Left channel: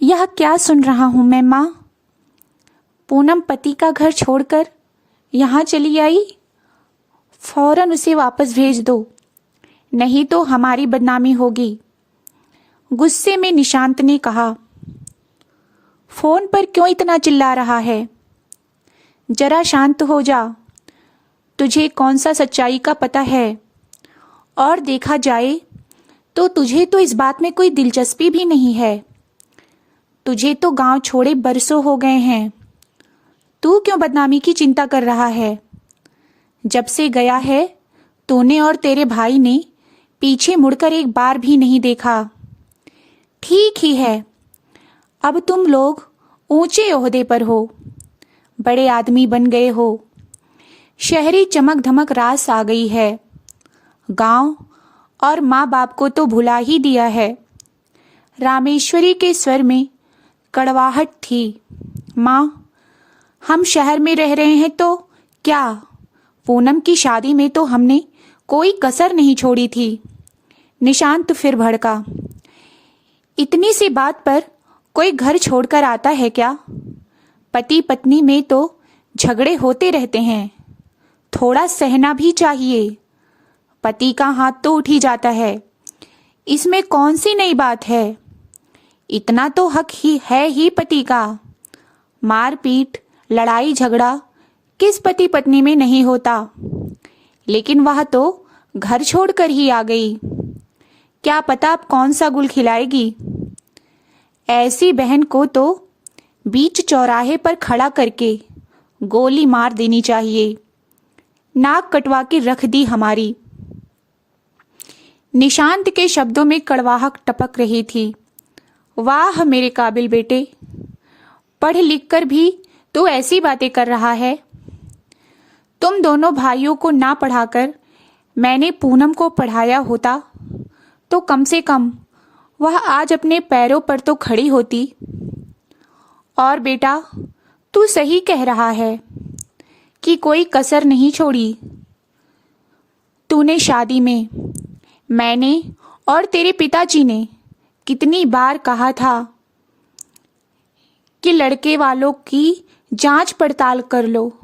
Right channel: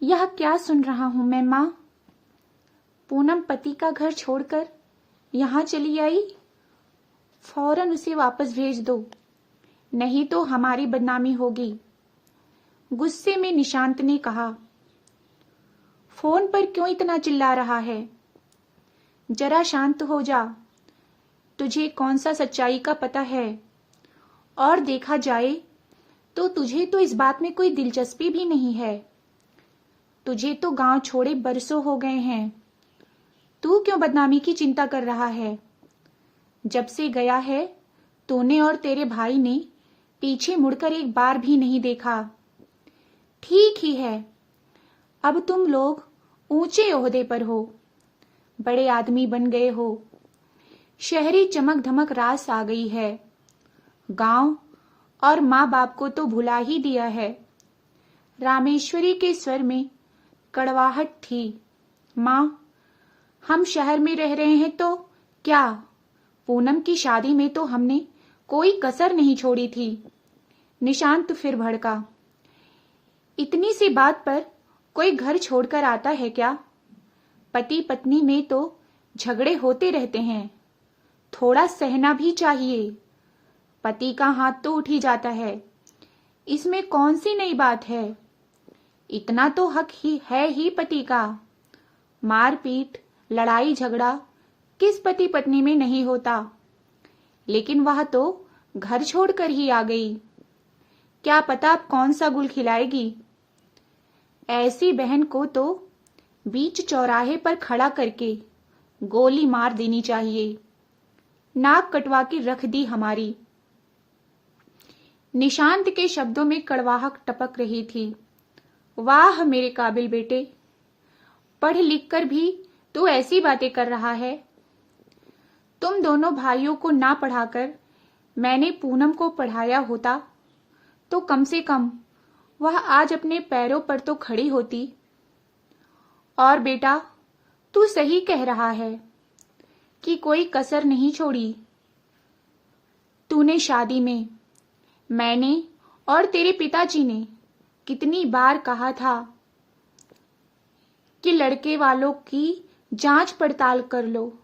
यह क्या सुन रहा हूं मैं माँ? पूनम पति का घर छोड़कर यहाँ चली आई। फौरन उसे वापस भेज दो, नहीं तो हमारी बदनामी होगी। गुस्से में निशांत ने कहा। फोन पर क्यों इतना चिल्ला रहा है? जरा शांत हो जा। तुझे कौन सा सच्चाई का पता है? और देखा जाए तो तुझे तो इस बात में कोई दिलचस्पी भी नहीं है। तुझे तो गांव छोड़े बरसों हो गए हैं। तू क्यों बदनामी की चिंता कर रहा है? जब से गया है तूने और तेरे भाई ने पीछे मुड़कर एक बार भी नहीं देखा। ठीक ही है, अब तुम लोग ऊंचे ओहदे पर हो, बड़े आदमी बन गए हो। शहरी चमक धमक रास आ गई है। गांव और माँ बाप को तो भुला ही दिया है। रामेश्वरी के स्वर में कड़वाहट थी। माँ, हम शहर में रह रहे हैं तो क्या? पूनम की शादी में तो हमने कोई कसर नहीं छोड़ी थी। निशांत फिर भड़का। इतनी सी बात पर कोई घर छोड़कर आता है क्या? पति पत्नी में तो झगड़े होते रहते हैं, थोड़ा सहना भी चाहिए। पति का हाथ तो उठ ही जाता है, इसमें कौन सी नई बात है? इतना तो हक ही है ही पति का। मारपीट लड़ाई झगड़ा किस पति पत्नी में नहीं होता? लेकिन वह तो घर छोड़कर ही आ गई। क्या पता अब कौन सा गुल खिलाएगी। ऐसी बहन को तो बीच चौराहे पर खड़ा करके गोली मार देनी चाहिए। नाक कटवा के रख दी हमारी। निशांत के शब्दों में कड़वाहट टपक रही थी। वाह मेरे काबिल बेटे, पढ़ लिख कर भी तो ऐसी बातें कर रहा है। तुम दोनों भाइयों को ना पढ़ाकर मैंने पूनम को पढ़ाया होता तो कम से कम वह आज अपने पैरों पर तो खड़ी होती। और बेटा, तू सही कह रहा है कि कोई कसर नहीं छोड़ी। तूने शादी में, मैंने और तेरे पिताजी ने कितनी बार कहा था कि लड़के वालों की जांच पड़ताल कर लो,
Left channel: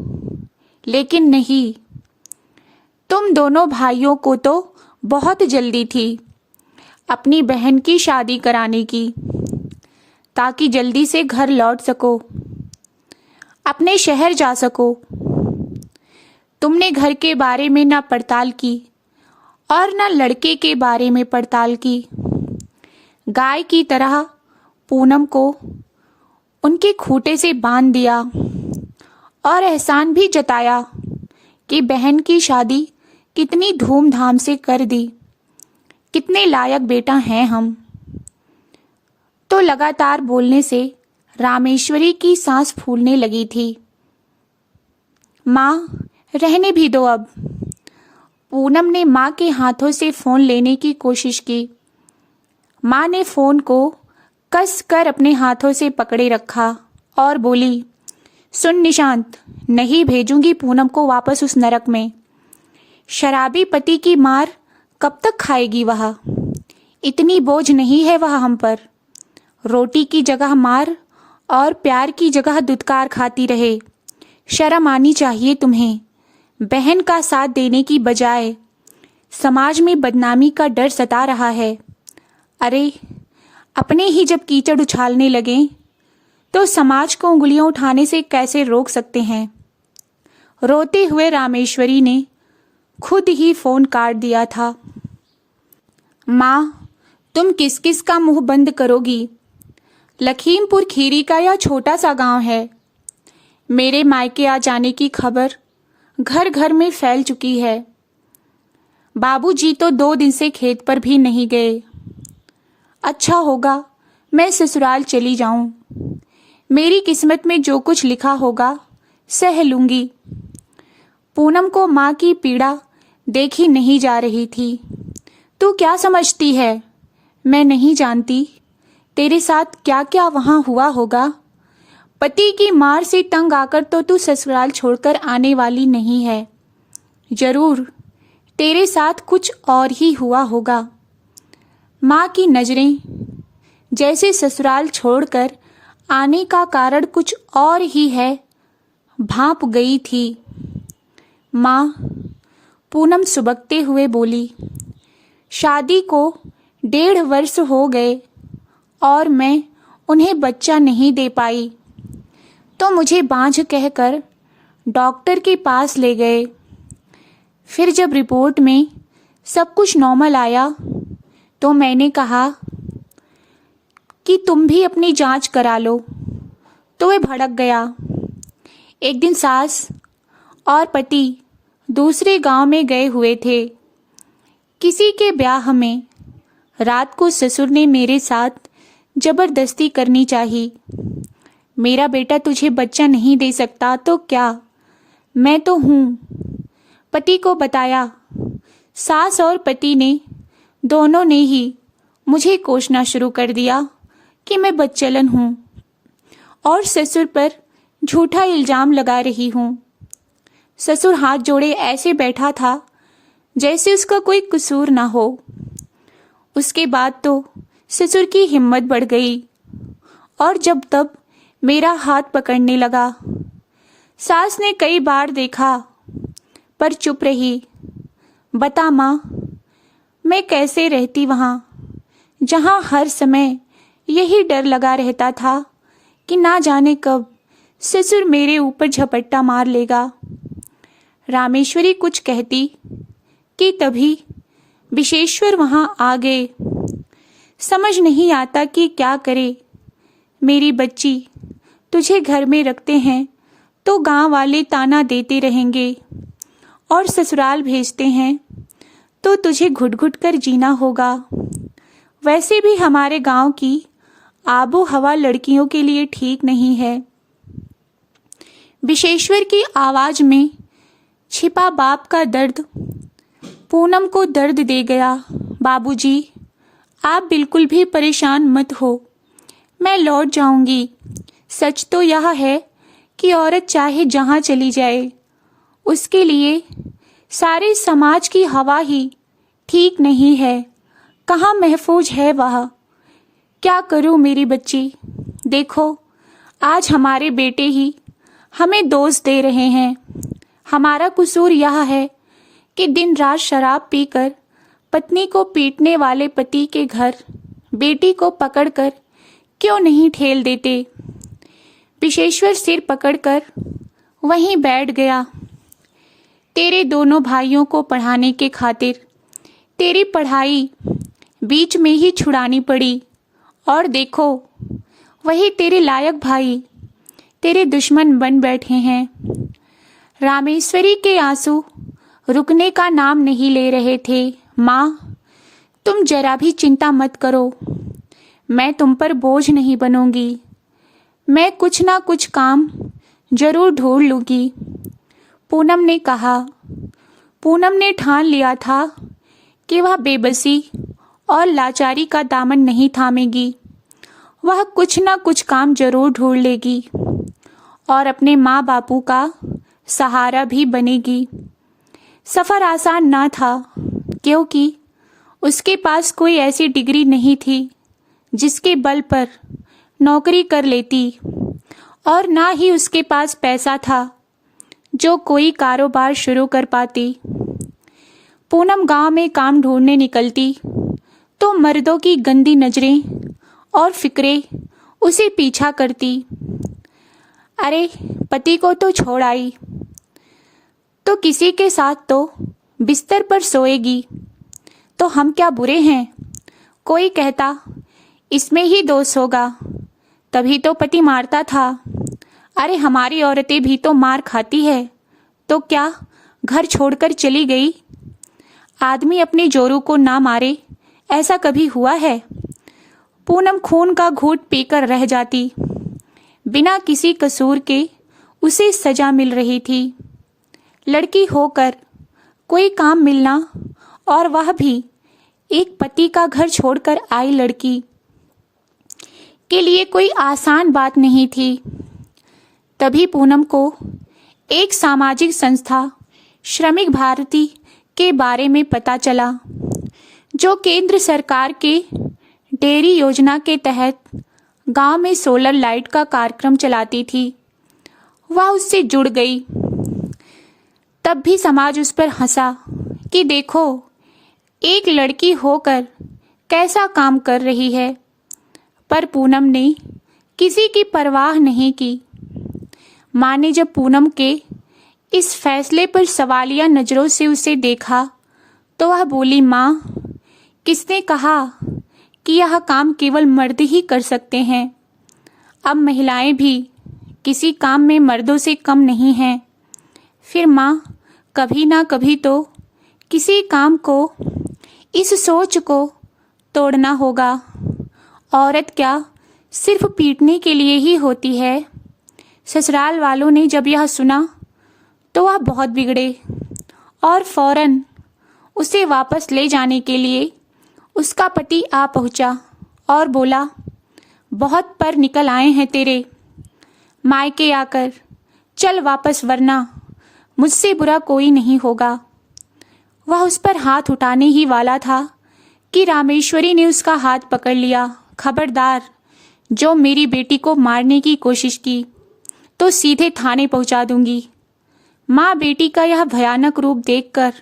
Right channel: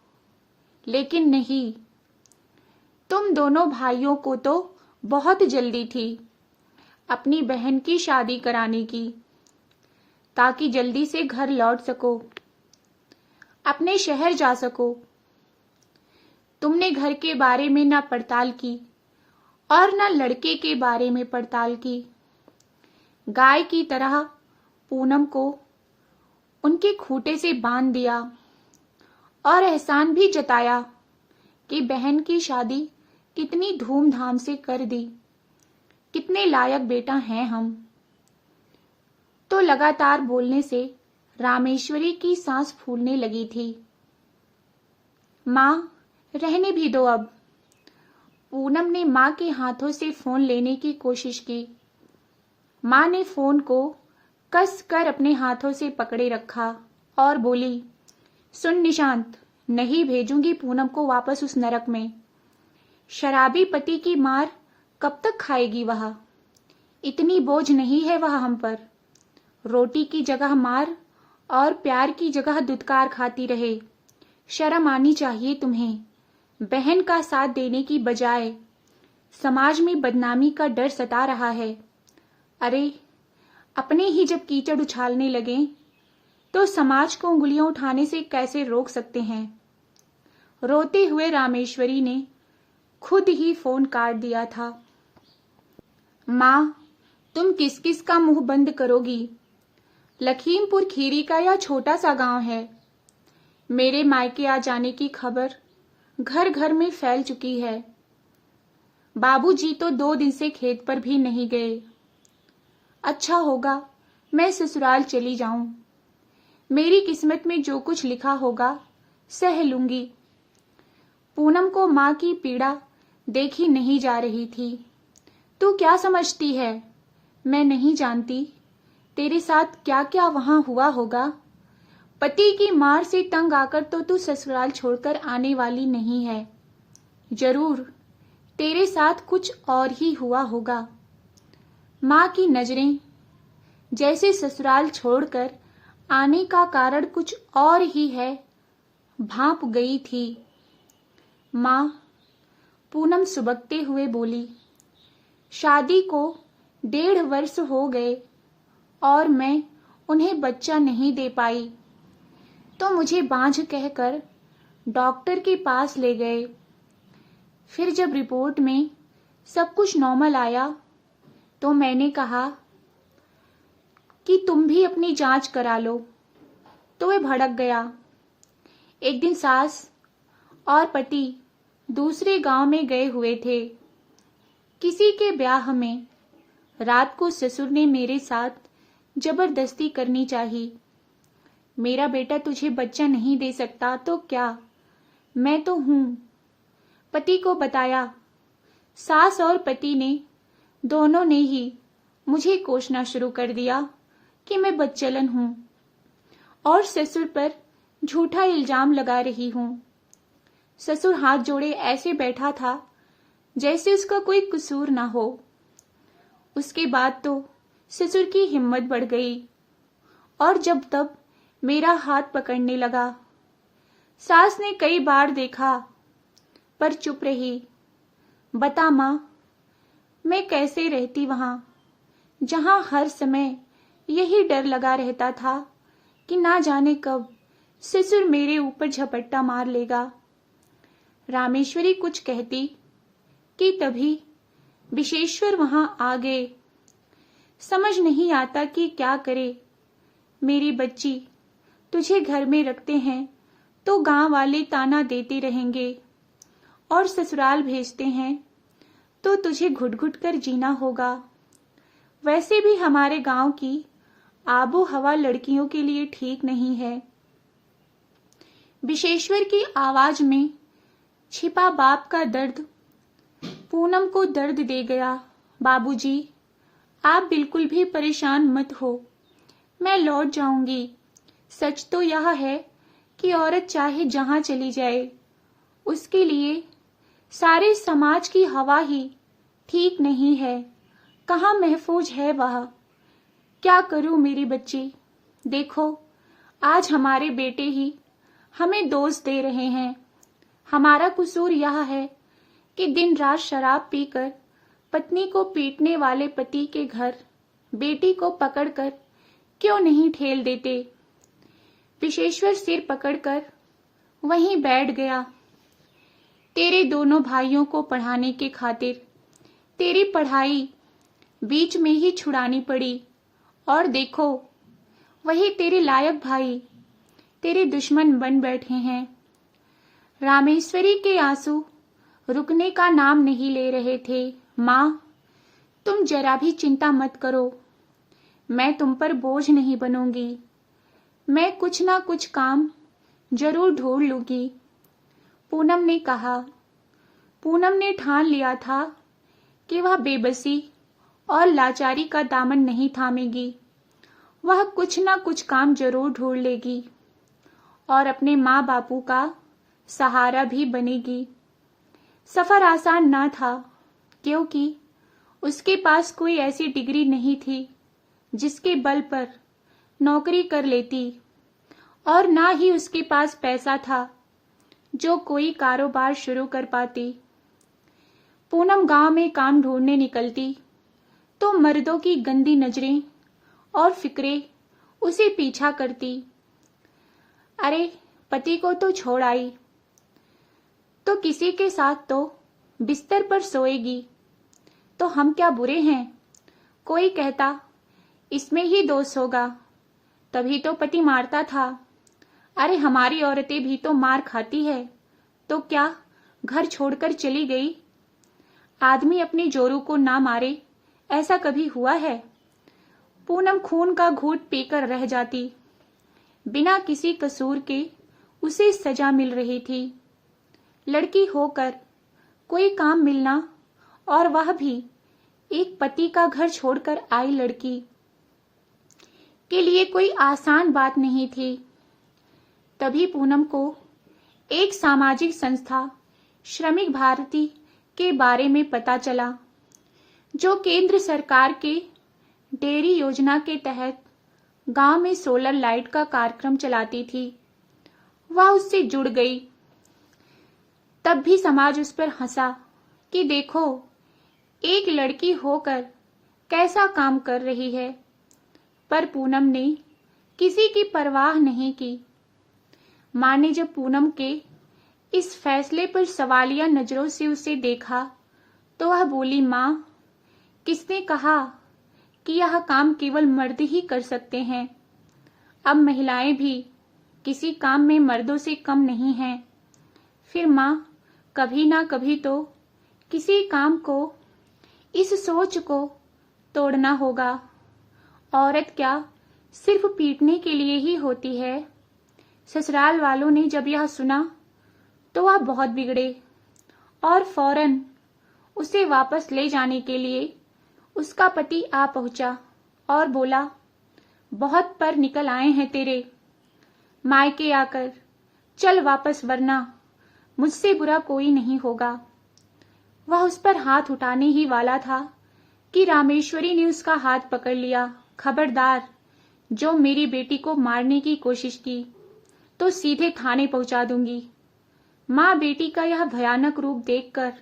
लेकिन नहीं। तुम दोनों भाइयों को तो बहुत जल्दी थी अपनी बहन की शादी कराने की, ताकि जल्दी से घर लौट सको, अपने शहर जा सको। तुमने घर के बारे में ना पड़ताल की और ना लड़के के बारे में पड़ताल की। गाय की तरह पूनम को उनके खूंटे से बांध दिया और एहसान भी जताया कि बहन की शादी कितनी धूमधाम से कर दी। कितने लायक बेटा हैं हम। तो लगातार बोलने से रामेश्वरी की सांस फूलने लगी थी। माँ, रहने भी दो अब। पूनम ने माँ के हाथों से फोन लेने की कोशिश की। माँ ने फोन को कस कर अपने हाथों से पकड़े रखा और बोली, सुन निशांत, नहीं भेजूंगी पूनम को वापस उस नरक में। शराबी पति की मार कब तक खाएगी वह? इतनी बोझ नहीं है वह हम पर। रोटी की जगह मार और प्यार की जगह दुत्कार खाती रहे। शर्म आनी चाहिए तुम्हें। बहन का साथ देने की बजाय समाज में बदनामी का डर सता रहा है। अरे, अपने ही जब कीचड़ उछालने लगे तो समाज को उंगलियां उठाने से कैसे रोक सकते हैं? रोते हुए रामेश्वरी ने खुद ही फोन काट दिया था। माँ, तुम किस किस का मुंह बंद करोगी? लखीमपुर खीरी का यह छोटा सा गांव है। मेरे मायके आ जाने की खबर घर घर में फैल चुकी है। बाबूजी तो 2 दिन से खेत पर भी नहीं गए। अच्छा होगा मैं ससुराल चली जाऊं। मेरी किस्मत में जो कुछ लिखा होगा सह लूंगी। पूनम को माँ की पीड़ा देखी नहीं जा रही थी। तू क्या समझती है मैं नहीं जानती तेरे साथ क्या क्या वहां हुआ होगा? पति की मार से तंग आकर तो तू ससुराल छोड़कर आने वाली नहीं है। जरूर तेरे साथ कुछ और ही हुआ होगा। माँ की नजरें जैसे ससुराल छोड़कर आने का कारण कुछ और ही है, भांप गई थी। माँ, पूनम सुबकते हुए बोली, शादी को 1.5 वर्ष हो गए और मैं उन्हें बच्चा नहीं दे पाई, तो मुझे बांझ कहकर डॉक्टर के पास ले गए। फिर जब रिपोर्ट में सब कुछ नॉर्मल आया तो मैंने कहा कि तुम भी अपनी जांच करा लो, तो वह भड़क गया। एक दिन सास और पति दूसरे गांव में गए हुए थे किसी के ब्याह में। रात को ससुर ने मेरे साथ जबरदस्ती करनी चाहिए। मेरा बेटा तुझे बच्चा नहीं दे सकता तो क्या, मैं तो हूँ, पति को बताया। सास और पति ने दोनों ने ही मुझे कोसना शुरू कर दिया कि मैं बदचलन हूँ और ससुर पर झूठा इल्जाम लगा रही हूँ। ससुर हाथ जोड़े ऐसे बैठा था जैसे उसका कोई कसूर ना हो। उसके बाद तो ससुर की हिम्मत बढ़ गई और जब तब मेरा हाथ पकड़ने लगा। सास ने कई बार देखा पर चुप रही। बता माँ, मैं कैसे रहती वहाँ जहाँ हर समय यही डर लगा रहता था कि ना जाने कब ससुर मेरे ऊपर झपट्टा मार लेगा। रामेश्वरी कुछ कहती कि तभी विशेश्वर वहाँ आ गए। समझ नहीं आता कि क्या करे। मेरी बच्ची, तुझे घर में रखते हैं तो गांव वाले ताना देते रहेंगे और ससुराल भेजते हैं तो तुझे घुट घुट कर जीना होगा। वैसे भी हमारे गांव की आबो हवा लड़कियों के लिए ठीक नहीं है। विशेश्वर की आवाज में छिपा बाप का दर्द पूनम को दर्द दे गया। बाबूजी, आप बिल्कुल भी परेशान मत हो, मैं लौट जाऊंगी। सच तो यह है कि औरत चाहे जहां चली जाए, उसके लिए सारे समाज की हवा ही ठीक नहीं है। कहाँ महफूज है वह। क्या करूं मेरी बच्ची। देखो, आज हमारे बेटे ही हमें दोष दे रहे हैं। हमारा कसूर यह है कि दिन रात शराब पीकर पत्नी को पीटने वाले पति के घर बेटी को पकड़कर क्यों नहीं ठेल देते। विशेश्वर सिर पकड़कर वहीं बैठ गया। तेरे दोनों भाइयों को पढ़ाने के खातिर तेरी पढ़ाई बीच में ही छुड़ानी पड़ी और देखो, वही तेरे लायक भाई तेरे दुश्मन बन बैठे हैं। रामेश्वरी के आंसू रुकने का नाम नहीं ले रहे थे। माँ, तुम जरा भी चिंता मत करो, मैं तुम पर बोझ नहीं बनूंगी। मैं कुछ ना कुछ काम जरूर ढूंढ लूंगी। पूनम ने कहा। पूनम ने ठान लिया था कि वह बेबसी और लाचारी का दामन नहीं थामेगी। वह कुछ ना कुछ काम जरूर ढूंढ लेगी और अपने माँ बापू का सहारा भी बनेगी। सफ़र आसान ना था क्योंकि उसके पास कोई ऐसी डिग्री नहीं थी जिसके बल पर नौकरी कर लेती और ना ही उसके पास पैसा था जो कोई कारोबार शुरू कर पाती। पूनम गांव में काम ढूंढने निकलती तो मर्दों की गंदी नजरें और फिक्रें उसे पीछा करती। अरे, पति को तो छोड़ आई तो किसी के साथ तो बिस्तर पर सोएगी, तो हम क्या बुरे हैं। कोई कहता इसमें ही दोष होगा, तभी तो पति मारता था। अरे, हमारी औरतें भी तो मार खाती है, तो क्या घर छोड़कर चली गई। आदमी अपने जोरू को ना मारे, ऐसा कभी हुआ है। पूनम खून का घूंट पीकर रह जाती। बिना किसी कसूर के उसे सजा मिल रही थी। लड़की होकर कोई काम मिलना, और वह भी एक पति का घर छोड़कर आई लड़की के लिए कोई आसान बात नहीं थी। तभी पूनम को एक सामाजिक संस्था श्रमिक भारती के बारे में पता चला, जो केंद्र सरकार के डेयरी योजना के तहत गांव में सोलर लाइट का कार्यक्रम चलाती थी। वह उससे जुड़ गई। तब भी समाज उस पर हंसा कि देखो, एक लड़की होकर कैसा काम कर रही है। पर पूनम ने किसी की परवाह नहीं की। माँ ने जब पूनम के इस फैसले पर सवालिया नज़रों से उसे देखा तो वह बोली, माँ, किसने कहा कि यह काम केवल मर्द ही कर सकते हैं? अब महिलाएं भी किसी काम में मर्दों से कम नहीं हैं। फिर माँ, कभी ना कभी तो किसी काम को, इस सोच को तोड़ना होगा। औरत क्या सिर्फ पीटने के लिए ही होती है? ससुराल वालों ने जब यह सुना तो वह बहुत बिगड़े और फौरन उसे वापस ले जाने के लिए उसका पति आ पहुंचा और बोला, बहुत पर निकल आए हैं तेरे मायके आकर, चल वापस वरना मुझसे बुरा कोई नहीं होगा। वह उस पर हाथ उठाने ही वाला था कि रामेश्वरी ने उसका हाथ पकड़ लिया। खबरदार, जो मेरी बेटी को मारने की कोशिश की तो सीधे थाने पहुंचा दूंगी। माँ बेटी का यह भयानक रूप देखकर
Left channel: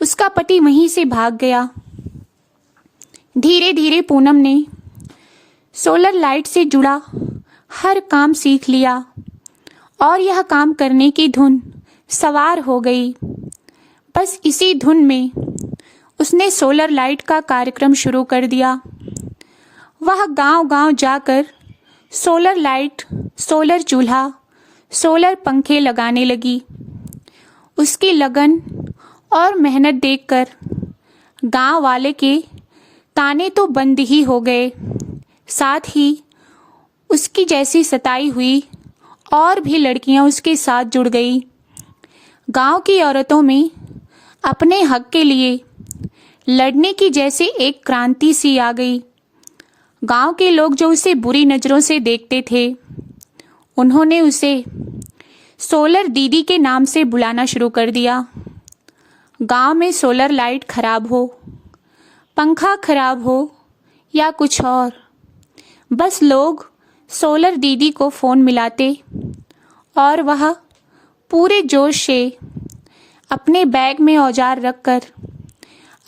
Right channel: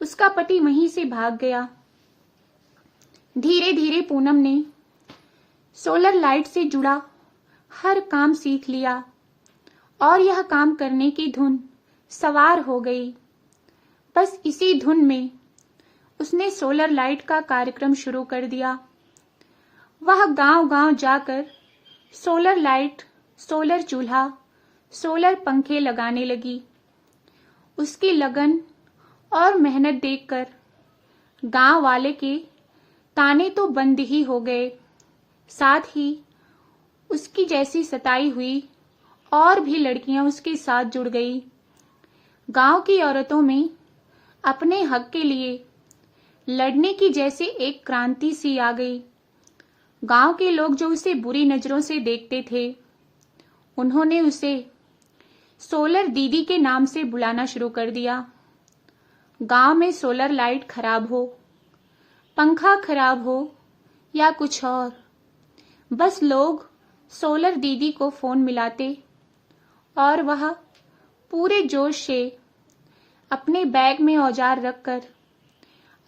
उसका पति वहीं से भाग गया। धीरे धीरे पूनम ने सोलर लाइट से जुड़ा हर काम सीख लिया और यह काम करने की धुन सवार हो गई। बस इसी धुन में उसने सोलर लाइट का कार्यक्रम शुरू कर दिया। वह गांव-गांव जाकर सोलर लाइट, सोलर चूल्हा, सोलर पंखे लगाने लगी। उसकी लगन और मेहनत देखकर गांव वाले के ताने तो बंद ही हो गए। साथ ही उसकी जैसी सताई हुई और भी लड़कियां उसके साथ जुड़ गई। गांव की औरतों में अपने हक के लिए लड़ने की जैसे एक क्रांति सी आ गई। गांव के लोग जो उसे बुरी नज़रों से देखते थे, उन्होंने उसे सोलर दीदी के नाम से बुलाना शुरू कर दिया। गांव में सोलर लाइट खराब हो, पंखा खराब हो या कुछ और, बस लोग सोलर दीदी को फ़ोन मिलाते और वह पूरे जोश से अपने बैग में औजार रखकर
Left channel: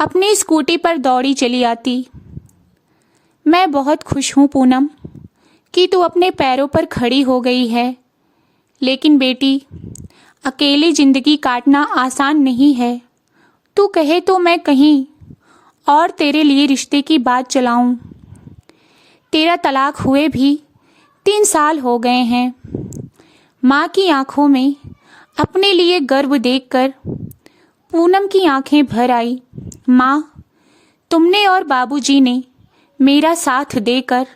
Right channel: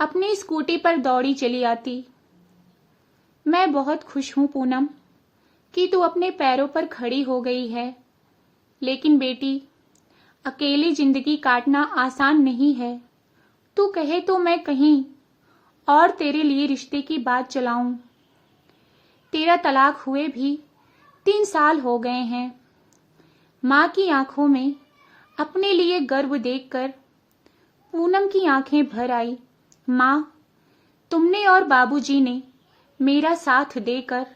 अपनी स्कूटी पर दौड़ी चली आती। मैं बहुत खुश हूँ पूनम कि तू अपने पैरों पर खड़ी हो गई है, लेकिन बेटी, अकेले ज़िंदगी काटना आसान नहीं है। तू कहे तो मैं कहीं और तेरे लिए रिश्ते की बात चलाऊं। तेरा तलाक हुए भी 3 साल हो गए हैं। माँ की आंखों में अपने लिए गर्व देखकर पूनम की आंखें भर आई। माँ, तुमने और बाबूजी ने मेरा साथ देकर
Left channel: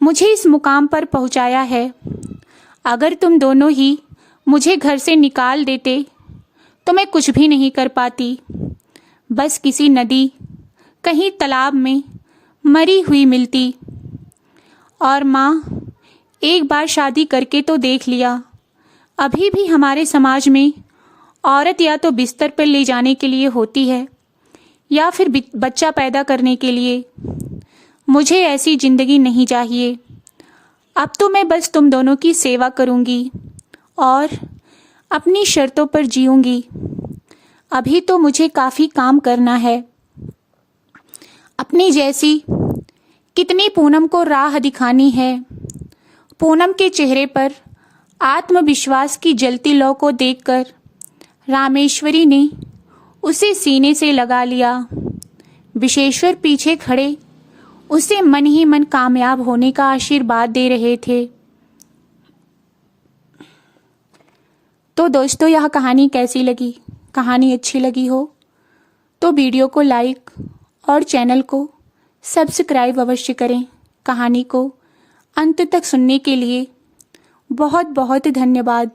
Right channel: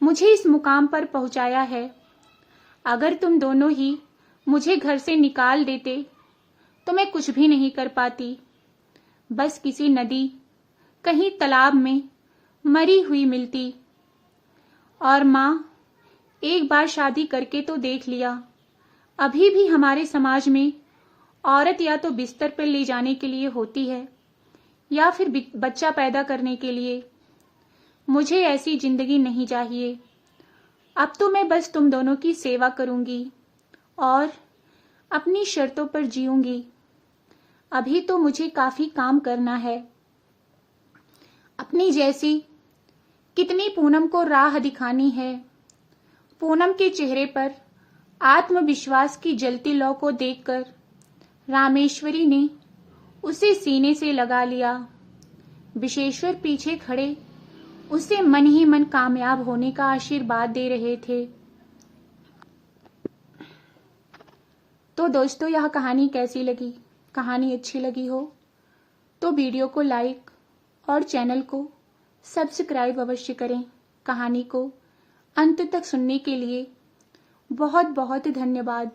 मुझे इस मुकाम पर पहुंचाया है। अगर तुम दोनों ही मुझे घर से निकाल देते तो मैं कुछ भी नहीं कर पाती। बस किसी नदी, कहीं तालाब में मरी हुई मिलती। और माँ, एक बार शादी करके तो देख लिया। अभी भी हमारे समाज में औरत या तो बिस्तर पर ले जाने के लिए होती है या फिर बच्चा पैदा करने के लिए। मुझे ऐसी ज़िंदगी नहीं चाहिए। अब तो मैं बस तुम दोनों की सेवा करूँगी और अपनी शर्तों पर जीऊँगी। अभी तो मुझे काफ़ी काम करना है। अपनी जैसी कितनी पूनम को राह दिखानी है। पूनम के चेहरे पर आत्मविश्वास की जलती लौ को देखकर रामेश्वरी ने उसे सीने से लगा लिया। विशेश्वर पीछे खड़े उसे मन ही मन कामयाब होने का आशीर्वाद दे रहे थे। तो दोस्तों, यह कहानी कैसी लगी? कहानी अच्छी लगी हो तो वीडियो को लाइक और चैनल को सब्सक्राइब अवश्य करें। कहानी को अंत तक सुनने के लिए बहुत बहुत धन्यवाद।